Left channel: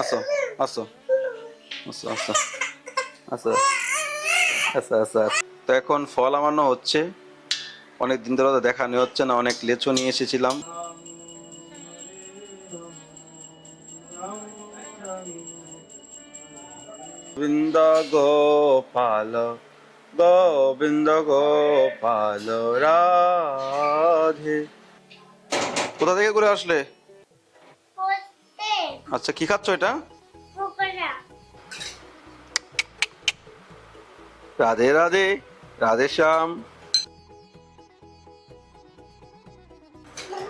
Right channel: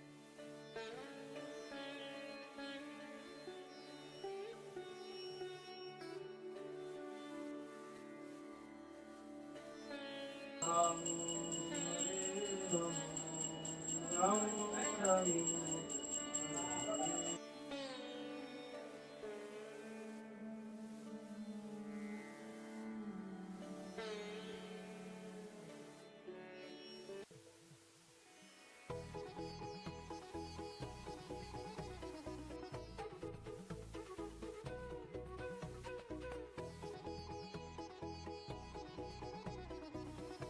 আসো আসো আসো আসো আসো আচ্ছা আচ্ছা। তো এখন ফল আমানো হচ্ছে, অনেক দিন ধরে তো দেখা নেই হচ্ছে না, অনেক লেচু নিয়ে এসেছিলাম। গোবিন্দ গোপাল গোবিন্দ গোপাল রাধে। কোথা থেকে ঘুরে আসলে? আচ্ছা, কি খাচ্ছ এটা? রাধে রাধে, রাধে শ্যাম।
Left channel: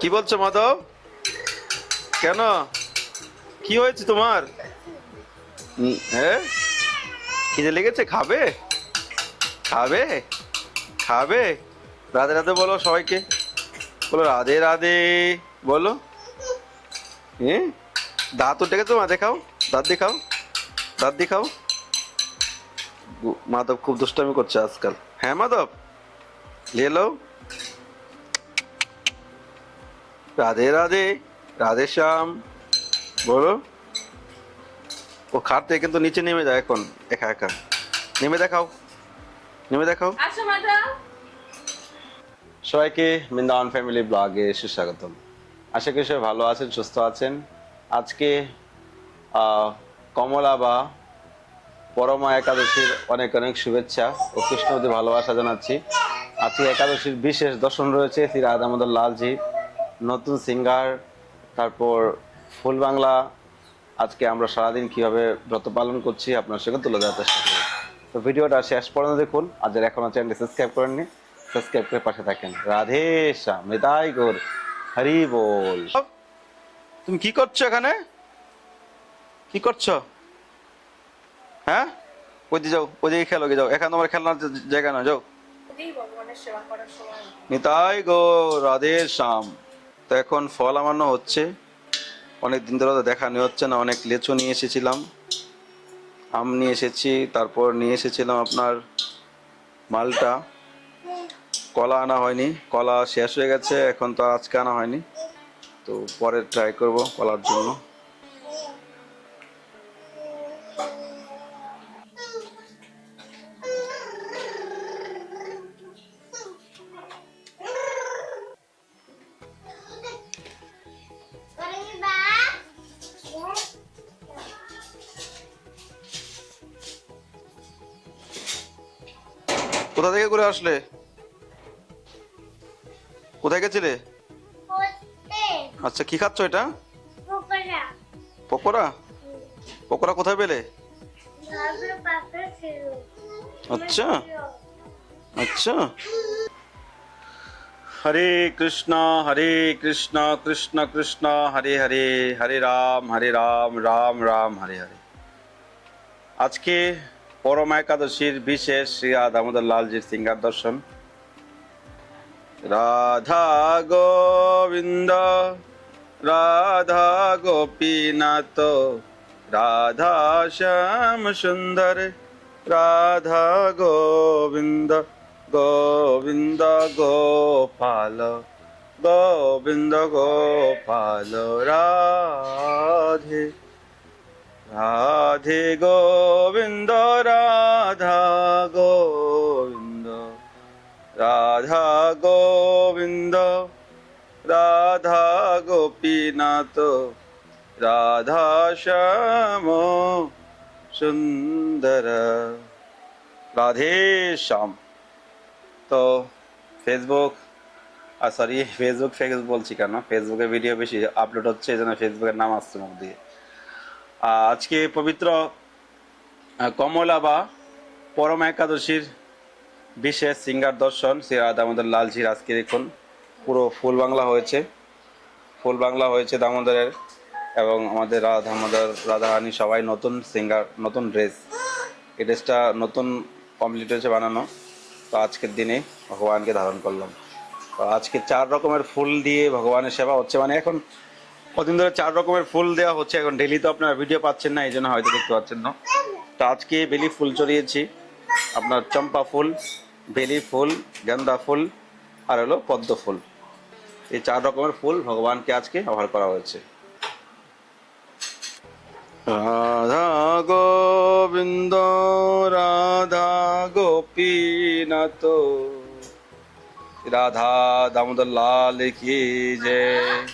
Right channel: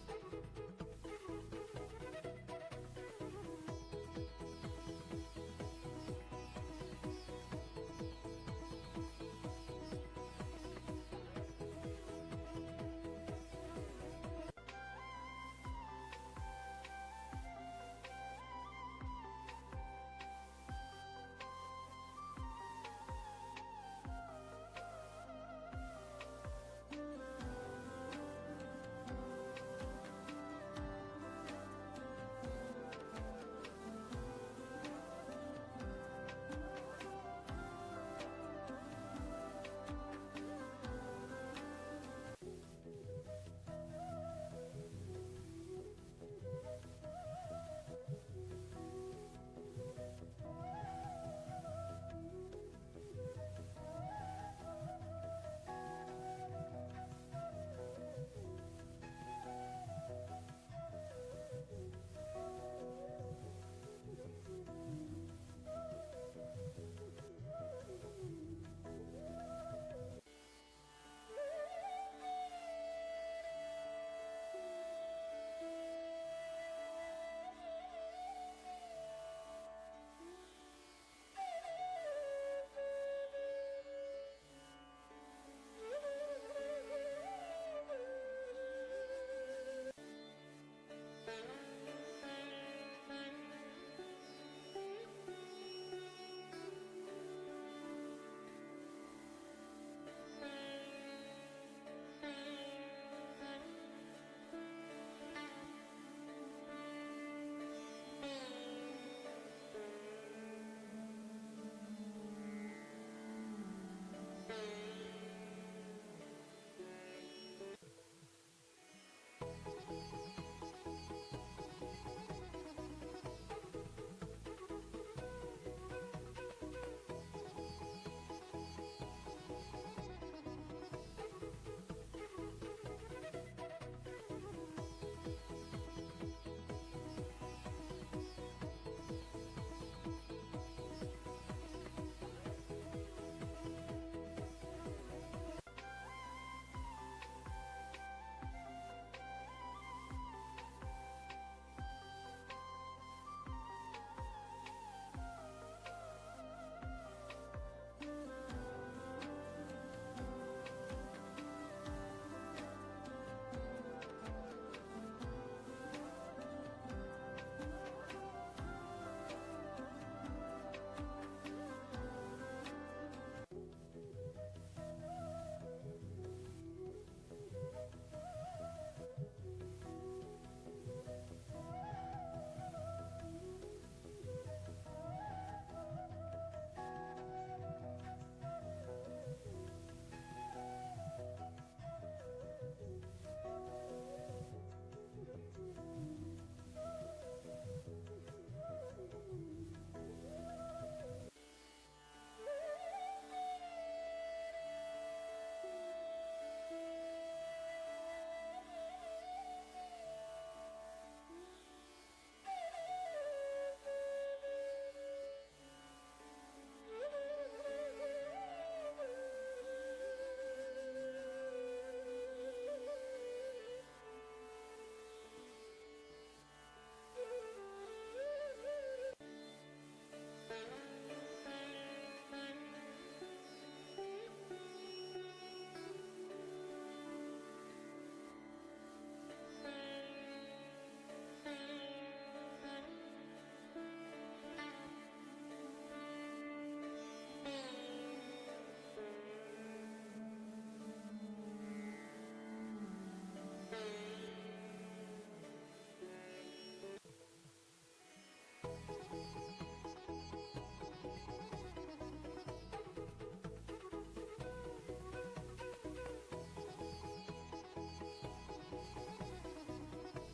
কি বলছো মাধব? কেন, কি হয়েছে তোমার? হ্যাঁ, খিদে লেগেছে? খাবে খাবে খাবে? রাধে রাধে বলো সবাইকে, বলো রাধে রাধে বলো। হ্যাঁ, দাঁত উঠে গেছে, মা দেখাও, দাঁত দেখাও, দাঁত দেখাও। মাধব খুব দুষ্টামি করছে আজকাল। হ্যাঁ মাধব, লেলো। রাধে রাধে, রাধে শ্যাম বলো। ও খাট থেকে কিন্তু নিচে নেমে যায় এখন, একা একা। নেমে দেখাও, নেমে দেখাও। সবাইকে বৃন্দাবন ফ্যামিলি ব্লগে সুস্বাগতম। আশা করি সবাই ভালো আছেন, সুস্থ আছেন। আজকে কমলা বা পরমা একাদশীর অনেক অনেক শুভেচ্ছা ও কৃষ্ণবতী ভালোবাসা জানাচ্ছি। আজকে একাদশীর বিশেষ দর্শন রয়েছে শ্রী রাধা দামোদর লালজি, নতুন সিঙ্গার, তারপর ফুল বাংলা। আজকে আমরা সারাদিন কিভাবে ব্রত পালন করছি আপনার সঙ্গে তুলে ধরার চেষ্টা করি। তো ভিডিওটা শেষ পর্যন্ত দেখুন। আর যারা এখনো চ্যানেলটি সাবস্ক্রাইব করেননি, সাবস্ক্রাইব করে পাশে থাকেন। রাধে শ্যাম, নিতাই গৌর, হরি বল। তুমি কি করছো এখানে? কি করছো? হ্যাঁ, ওই দিকে যাও, ওই দিকে খেলো, যাও, এখানে তোমার খেলনার জায়গা না, যাও। নিতাই গৌর, রাধে শ্যাম। তো এখন ফল আমানো হচ্ছে, অনেক দিন ধরে তো দেখা নেই হচ্ছে না, অনেক লেচু নিয়ে এসেছিলাম, আম নিয়ে এসেছি, তারপর নিয়ে এসেছিলাম আপনার মালটা। কলা আনা হয়নি, কলা শেষ হয়ে গেছে, এখন তো আজকে আনা হয়নি, তো পরে ট্রাই করব কলার জন্য। কোথা থেকে ঘুরে আসলে? কোথায় গেছিলে? আচ্ছা, কি খাচ্ছ এটা? পকোড়া। পকোড়া কোথায় পেলে? আচ্ছা আচ্ছা। হরে কৃষ্ণ কৃষ্ণ কৃষ্ণ হরে হরে, হরে রাম রাম রাম হরে হরে। আজকে পরমা একাদশীর বিশেষ শ্রী রাধা দামোদর লালজির সিঙ্গার দর্শন। রাধা গোবিন্দ, রাধা গোপীনাথ, রাধা শ্যাম সুন্দর, রাধা গোবিন্দ গোবিন্দ গোপাল গোবিন্দ গোপাল রাধে রাধে গোবিন্দ, রাধা গোবিন্দ, রাধা গোবিন্দ, রাধা গোপীনাথ, রাধা শ্যাম সুন্দর। রাধে শ্যাম। তো ফেসবুক, সরি, ফেসবুক বলছি কেন, ফেসবুকে ভিডিও বেশি আপলোড হচ্ছে, এই জন্য ফেসবুকের নাম আসছে মুখ দিয়ে। আজকে পবিত্র কমলা বা পরমা একাদশীর বিশেষ সিঙ্গার দর্শন শ্রী রাধা দামোদর লালজির। আজকে দেখুন পুরো ফুল বাংলা হয়েছে, ফুল বাংলা হয়েছে দামোদরের, এবং আমাদের রাধা দামোদর রাধারানী সবাই নতুন সিঙ্গার, নতুন ড্রেস। এই ড্রেসটা নতুন কমপ্লিট হয়েছে বানানো, তো আজকের দিনে ভগবানকে ধারণ করলাম। তো আজকে 4 রকমের ফুল দিয়ে ভগবানের সেবা হচ্ছে, মানে এখন কদিন ধরে 4 রকমের ফুল দেওয়া হচ্ছে। এখন ডেলি তো আপনার ভিডিও পাচ্ছেন না, এই জন্য হয়তো দেখতে পাচ্ছেন না। তো আজকে বেলি ফুল চড়িয়েছি, আপনার চম্পা ফুল, বেলি ফুল, গেন্দা ফুল, আর হলো পদ্ম ফুল। এই 4 রকমের ফুল ভগবানকে আজকে ব্যবহার করা হয়েছে। রাধা গোবিন্দ রাধা গোপীনাথ राधा दामोदर लाल की जय।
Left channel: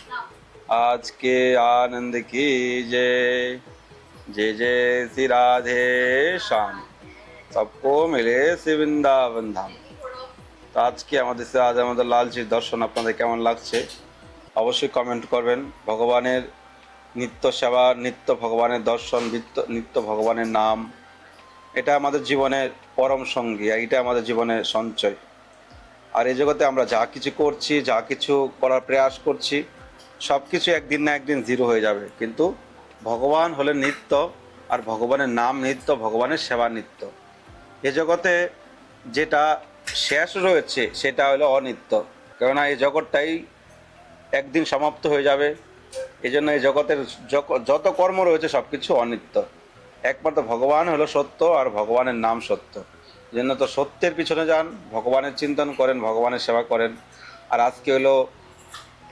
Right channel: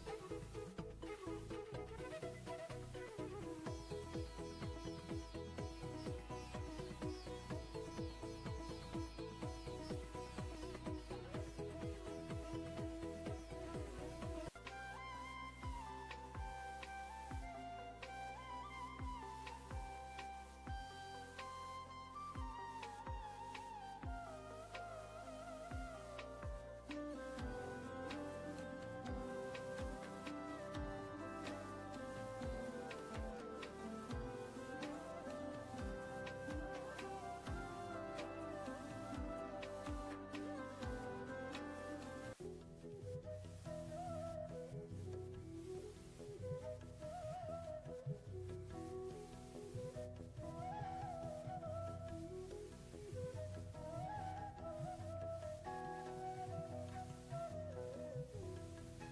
आज के आनंद की जय। जय जय श्री राधे श्याम। सबको मिले श्री वृंदावन धाम। তো আজকে আমাদের শ্রী রাধা দামোদর লালজির দর্শন আপনাদের কেমন লাগছে অবশ্যই কমেন্ট করবেন। ভগবানের নিত্য সেবা, নিত্য ভগবানের দর্শন, নিত্য ভগবানের নাম, এটা আমাদের জীবনের পরম সঙ্গী, এটা আমাদের জীবনের সঞ্চয়। আর এই জগতে আমরা যা কিছু করছি, যা কিছু করার প্রয়াস করছি, সব কিছু একদিন না একদিন জিরো হয়ে যাবে, কিন্তু ভগবান হলেন নিত্য, আর ভগবানের নাম নিত্য, ভগবানের সেবা নিত্য। এ জগতে যেটা শেষ রয়েছে সেটা হলো অনিত্য, কেননা এই জগৎটাই একদিন সমাপ্ত হয়ে যাবে। এই জন্য এই জগতের যত কর্ম রয়েছে সব কিছু অনিত্য। একমাত্র ভগবান হলো সত্য, আর ভগবানের নাম সত্য। জন্য তো সত্যের পিছনে যান, ভগবানের চিন্তন করেন, ভগবানের সেবা করেন। আর আজকে হলো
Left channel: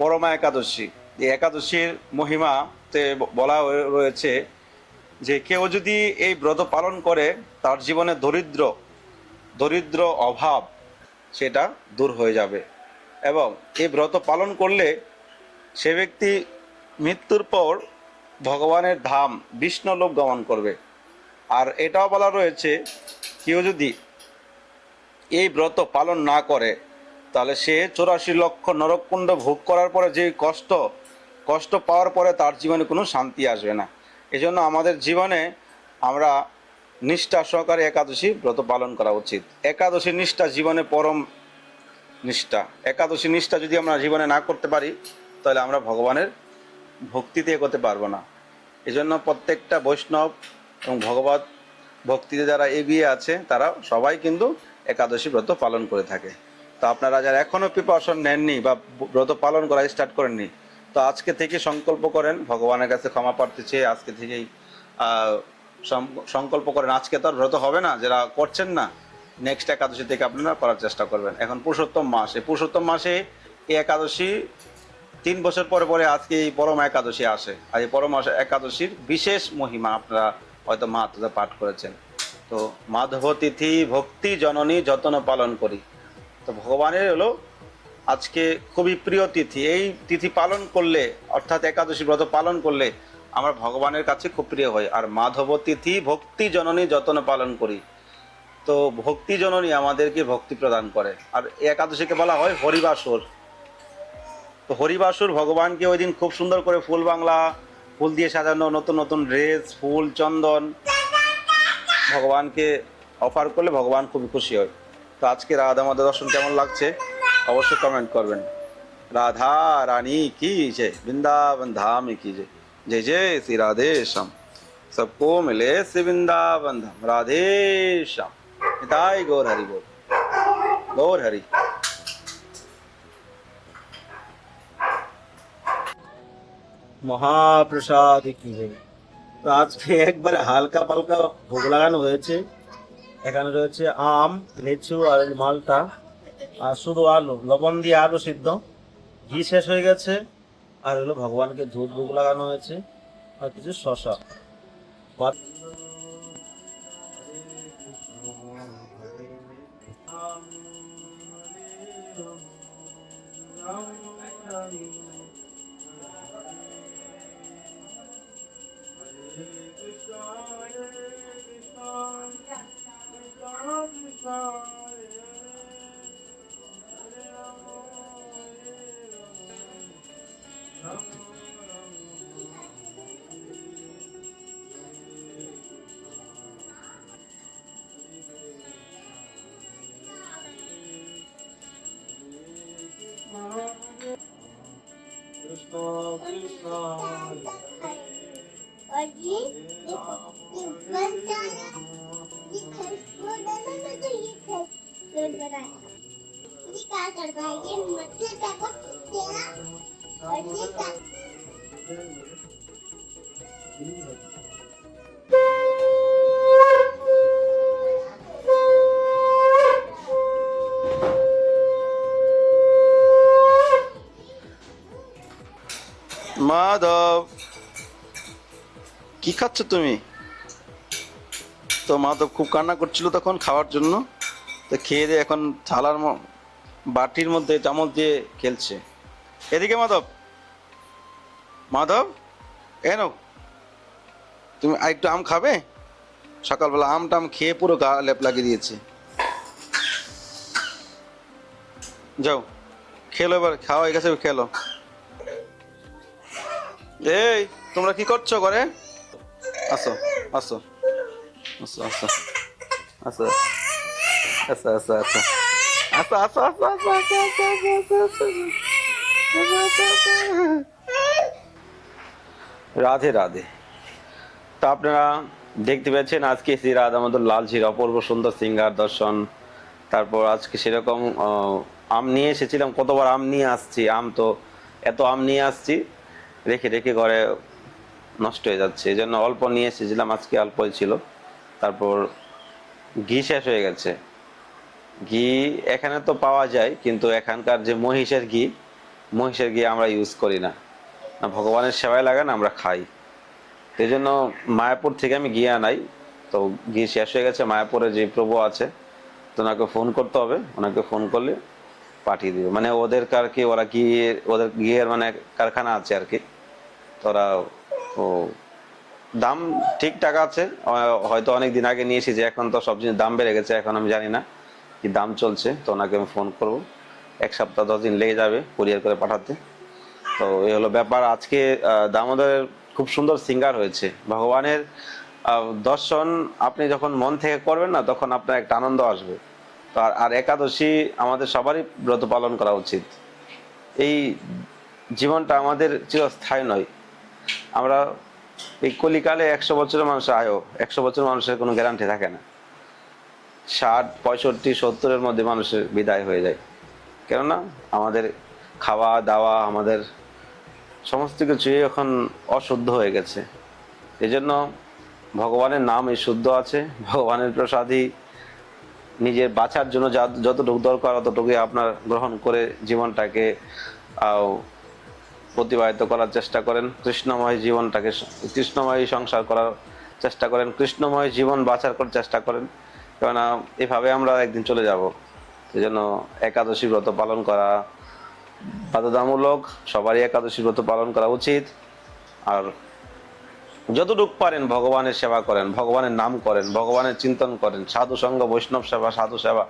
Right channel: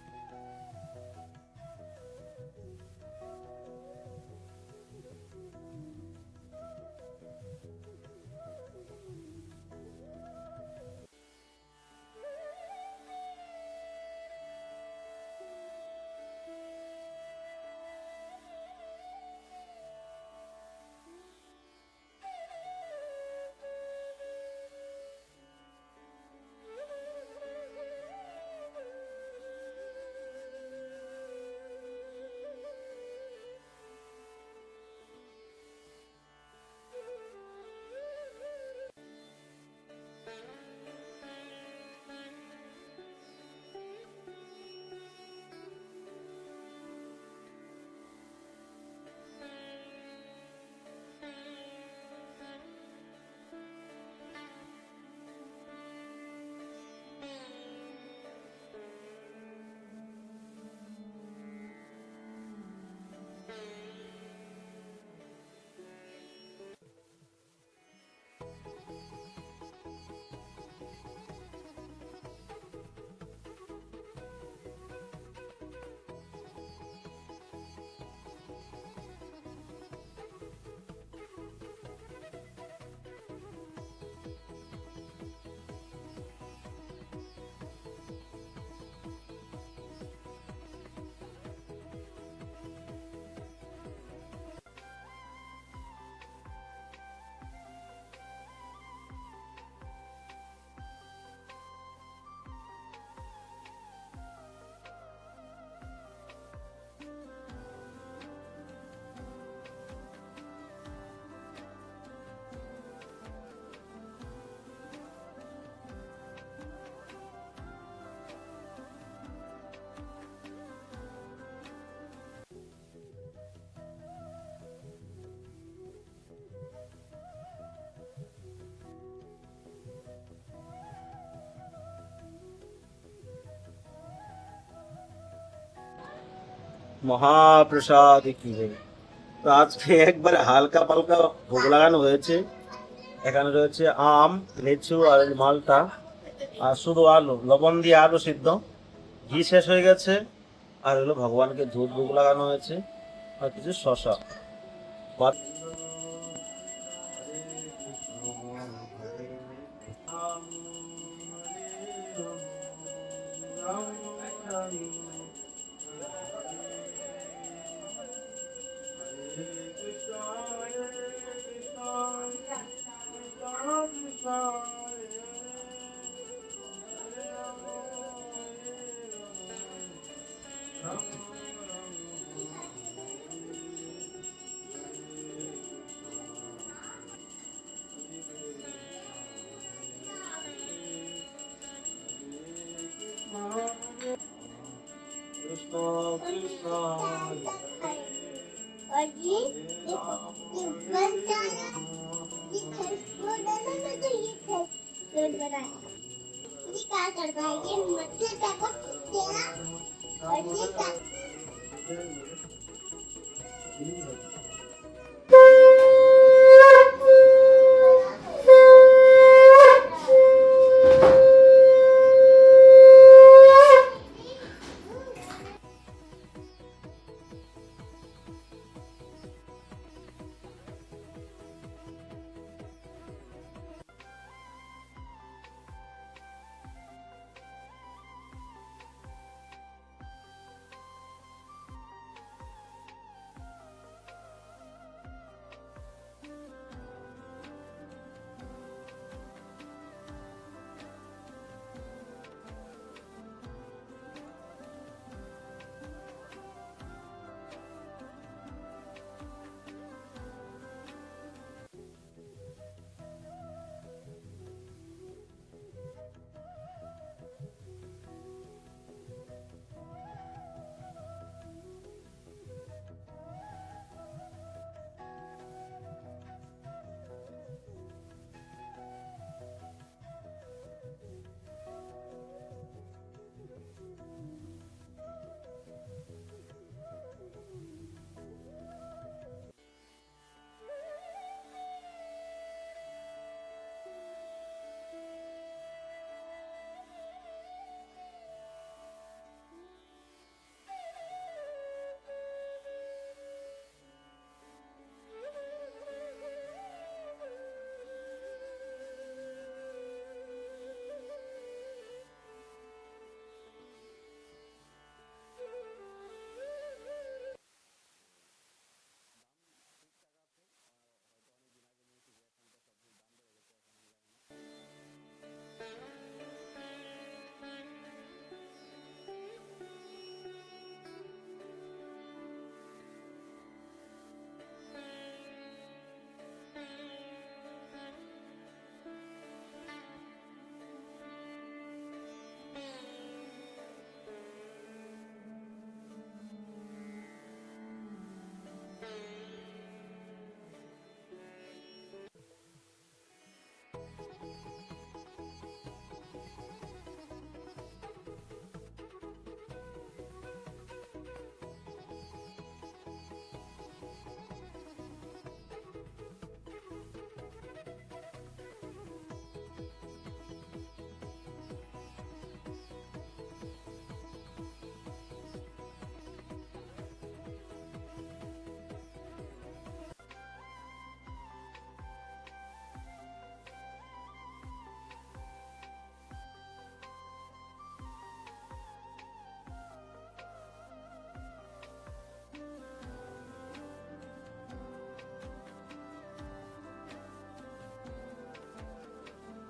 পরমা একাদশী। এই একাদশীর মহিমাতে বলা রয়েছে যে কেউ যদি এই ব্রত পালন করে তার জীবনে দরিদ্র অভাব সেটা দূর হয়ে যাবে, এবং এই ব্রত পালন করলে সে ব্যক্তি মৃত্যুর পর ভগবানের ধাম বিষ্ণুলোক গমন করবে। আর এটাও বলা রয়েছে কেউ যদি এই ব্রত পালন না করে তাহলে সে 84 লক্ষ নরককুণ্ড ভোগ করার পরে যে কষ্ট পাওয়ার পরে তার জীবনে কোনো শান্তি আসবে না। এজন্য আমাদের জীবনে আমরা নিষ্ঠা সহকারে একাদশী ব্রত পালন করা উচিত। একাদশী নিষ্ঠা জীবনে পরম নিষ্ঠা। একাদশী নিষ্ঠা যদি আমরা জীবনে না করতে পারি তাহলে আমরা ভগবানের ভক্তিতে এগোতে পারবো না। এজন্য প্রত্যেকটা বৈষ্ণব এবং ভগবত ভক্তিতে যারা এগিয়ে আছে তারা সবাই কিন্তু একাদশী ব্রত পালন করে থাকে। তো আপনারা যারা এখনো প্রিপারেশন নেননি বা ব্রত পালন করা স্টার্ট করেননি, তো আজকে থেকে সংকল্প করেন, ভগবানের কাছে ক্ষমা প্রার্থী চেয়ে আজকে থেকেই সংকল্প করেন। আজকে তো আর ব্রত হবে না, যারা করছেন না নেক্সট একাদশী থেকে আপনারা করার চেষ্টা করবেন। এখন পুরুষোত্তম মাস, এই পুরুষোত্তম মাসে এই একাদশী 3 বছর পরে পরে আজকে এই পরম একাদশী আসে। আর এই পরম একাদশীর বিশেষ মহিমা আপনারা হয়তো মাহাত্ম্য পাঠ করেছেন। তো মাধব তিথি ভক্তি জননী যতন পালন করি। তো ভগবানের হলো আজকে খুবই প্রিয় তিথি। এই তিথি পালন করলে, অর্থাৎ একাদশী ব্রত পালন করলে আমরা ভগবানের কাছে খুব প্রিয় হই। আর মাধব তিথি ভক্তি জননী যতন পালন করি। তো ভক্তি জননী আমাদেরকে ভক্তি প্রদান করে। আর একাদশীকে বলা হয় হরিবাসর। তো হরিবাসুর ভগবানকে ওই দিন খুব সুন্দর করে ফুল দিয়ে সাজানো, নতুন নতুন ড্রেস, ফুল, চন্দন ভগবানকে অফার করলে ভগবান খুবই খুশি হয়। তো আজকে রাধা মাধব দর্শন কেমন লাগছে অবশ্যই কমেন্ট করবেন। রাধা রানী কি জয়, বৃন্দাবন ধাম কি জয়। जय जय श्री राधे श्याम। सबको मिले श्री वृंदावन धाम। राधे श्याम। निताई गौर हरि बोल। गौर हरि। মহাপ্রসাদ কি জয়। তো আজকে একবারে হালকা পালকা ভোগ লাগানো হয়েছে। এখানে রয়েছে আম, লিচু আর মালটা, আর শুধু আলু, লবণ দিয়ে আলু সিদ্ধ। ঘি শেষ হয়ে গেছে, আর হলো ভগবানকে দুধ ভোগ লাগানো হয়েছে, আর কিছু শশা। और ये देखो, ये बन जाना, ये खरगोश डाला ना, तो ये खरगोश बनाया। ये क्या कर रहा है? ये मट्टी को तेरा और ये क्या? माधव কি খাচ্ছ তুমি? তো মা তো খুব কান্না করছিল তখন খাওয়ার জন্য, তো খেয়ে দিয়ে এখন থালার বাটির মধ্যে চামচ দিয়ে খেলছে। এদিকে মাধব, মাধব এনো, তুমি আরেকটু আম খাবে? সকালবেলা আম টাম খেয়ে পুরো গা লেপ লাগিয়ে দিয়েছে। যাও খেলো, এবার খাওয়া হয়ে গেছে, খেলো। এই তোমরা কি করছো ঘরে? আসো আসো আসো আসো আসো আসো আসো আসো আসো আসো আসো আসো আসো আসো আসো। রাধে রাধে। তো আপনারা দেখতে পাচ্ছেন আজকে শ্রী রাধা মাধব লালজির অপূর্ব সুন্দর সিঙ্গার দর্শন। তারপর আজকে সেরকম আম নিয়ে এসেছিলাম, কতবার আম নিয়ে আসছি, আম তো এত আম নিয়ে আসছি রেখে রেখে ঘরে নষ্ট হয়ে যাচ্ছে, এই জন্য অল্প নিয়ে এসেছিলাম, আজকে অল্পই ছিল। তারপর ঘি শেষ হয়ে গেছে। ঘি এখানে তো পাওয়া যায়, কিন্তু এখানকার যে মহিষের ঘি, মহিষের ঘি আমরা ইউজ করি না, না ভগবানের সেবায় লাগে না, আমরা খাই। এই জন্য মায়াপুর থেকে আমি ঘি আনাই। তো ঘি শেষ হয়ে গেছে, মায়াপুরে যে প্রভু আছে তো ওনাকে ফোন করতে হবে, ওনাকে ফোন করলে পাঠিয়ে দিবে, মানে ওদের আর কি, ওরা ঘি, ওদের ঘিয়ের মানে কারখানা আছে আর কি। তো ওরা ও দাম ঠিকঠাক আছে, হয়তো অনেক দিন আগে নিয়ে এসেছি, এখন তো সব জিনিস দাম বেড়ে গেছে, এখন আমি জানি না কি দাম চলছে। তো ওনাকে আমি ফোন করবো, 1 সপ্তাহ 10 দিন লেগে যাবে কুরিয়ার করে পাঠাতে। তো এই হলো ব্যাপার। আজকে দামোদরের খুব সুন্দর সিঙ্গার হয়েছে। ভগবানের দর্শন আপনি যখন মন থেকে করবেন না, তখন আপনার একটা আনন্দ আসবে। তো আর একাদশী আমাদের সবারই ব্রত পালন করা উচিত। এই জীবনটা আমাদের চিরস্থায়ী নয়। আমরা এই কলিকালে 100 বছরের মানুষ আয়ো, 100 বছর মানুষের কোনো গ্যারান্টি থাকে না। 60, 65, 70-এর মধ্যে মানুষের বিদায় হয়ে যায়। কেননা আমাদের খাওয়া দাওয়া, আমাদের সমস্ত কিছুই এখন অশুদ্ধ হয়ে গেছে। এই জন্য ভগবানের নাম এই শুদ্ধ আছে, ভগবানের প্রসাদই নিজের বাঁচার জন্য যতটুকু দরকার ততটুকুই আপনার গ্রহণ করে জীবনটাকে প্রতিবাহিত করার চেষ্টা করেন। কৃষ্ণময় জীবনটাকে, কৃষ্ণময় সংসার করার চেষ্টা করেন, কৃষ্ণময় জীবন বাঁচার করার চেষ্টা করেন, কেননা এভাবে আমরা একদিন চলে যাব। এই জন্য একাদশী ব্রত পালন করা বাধ্যতামূলক, সবারই একাদশী ব্রত পালন করা উচিত। আর যতটুকু পারেন ভগবানের সেবা করেন, ভগবানের নাম করেন, ভগবানের চিন্তন করেন, সাধু সঙ্গ, বৈষ্ণব সেবা, সাধু সেবা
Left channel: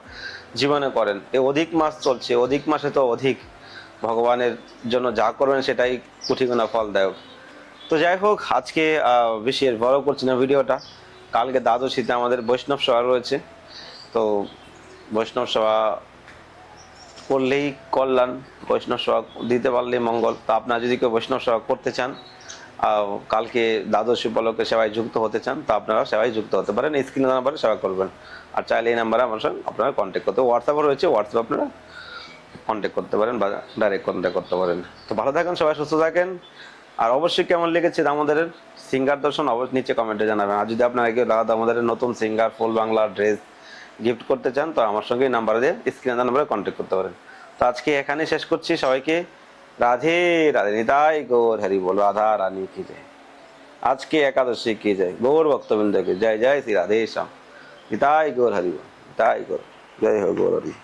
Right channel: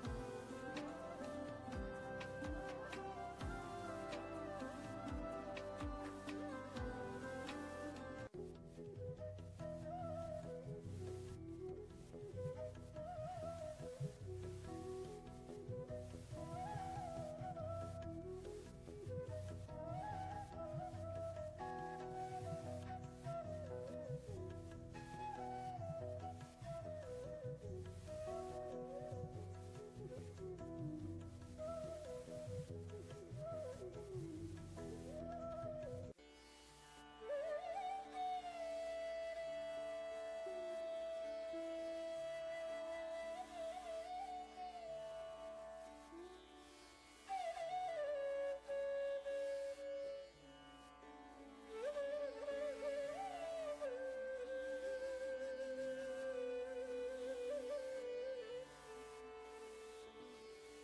জীবনে করেন। এই অধিক মাস চলছে, অধিক মাসে তো অধিক ভগবানের জন্য যা করবেন সেটাই কোটি গুণা ফল দেয়। তো যাই হোক, আজকে বেশি এর বড় করছি না ভিডিওটা। কালকে দ্বাদশীতে আমাদের বৈষ্ণব সেবা রয়েছে, তো বৈষ্ণব সেবা করলেই কল্যাণ, বৈষ্ণব সেবা দিতে পারলেই মঙ্গল। তো আপনারা যদি কেউ বৈষ্ণব সেবা করতে চান, কালকে দ্বাদশী উপলক্ষে সেবায় যুক্ত হতে চান, তো আপনারা সেবায় যুক্ত হতে পারেন, স্ক্রিনে নাম্বারে সেবা করবেন। আর চাইলে এই নাম্বারে আমার সঙ্গে আপনারা কন্ট্যাক্ট করতে, হোয়াটসঅ্যাপও রয়েছে, হোয়াটসঅ্যাপ আপনারা কন্ট্যাক্ট করতে পারেন বা ডাইরেক্ট কন্ট্যাক্ট করতে পারেন। তো ভালো থাকেন, সবাই সুস্থ থাকেন। আর অবশ্যই কেমন লেগেছে দামোদরের সিঙ্গার দর্শন অবশ্যই নিচে কমেন্টে জানাবেন। আর যদি আপনারা কেউ দামোদরের নতুন সিঙ্গার, ফুল বাংলা ড্রেস গিফট করতে চান, তো আমার সঙ্গে নাম্বার দিয়ে স্ক্রিনে নাম্বারে কন্ট্যাক্ট করতে পারেন। তো আজকে এখানে শেষ করছি, সবাইকে রাধে রাধে, নিতাই গৌর হরি বল, রাধা রানী কি জয়। আজকে একাদশী কি জয়, গৌর ভক্তবৃন্দ কি জয়, জয় শ্রী রাধে শ্যাম, নিতাই গৌর হরি বল, নিতাই গৌর, জয় हो गौर हरि।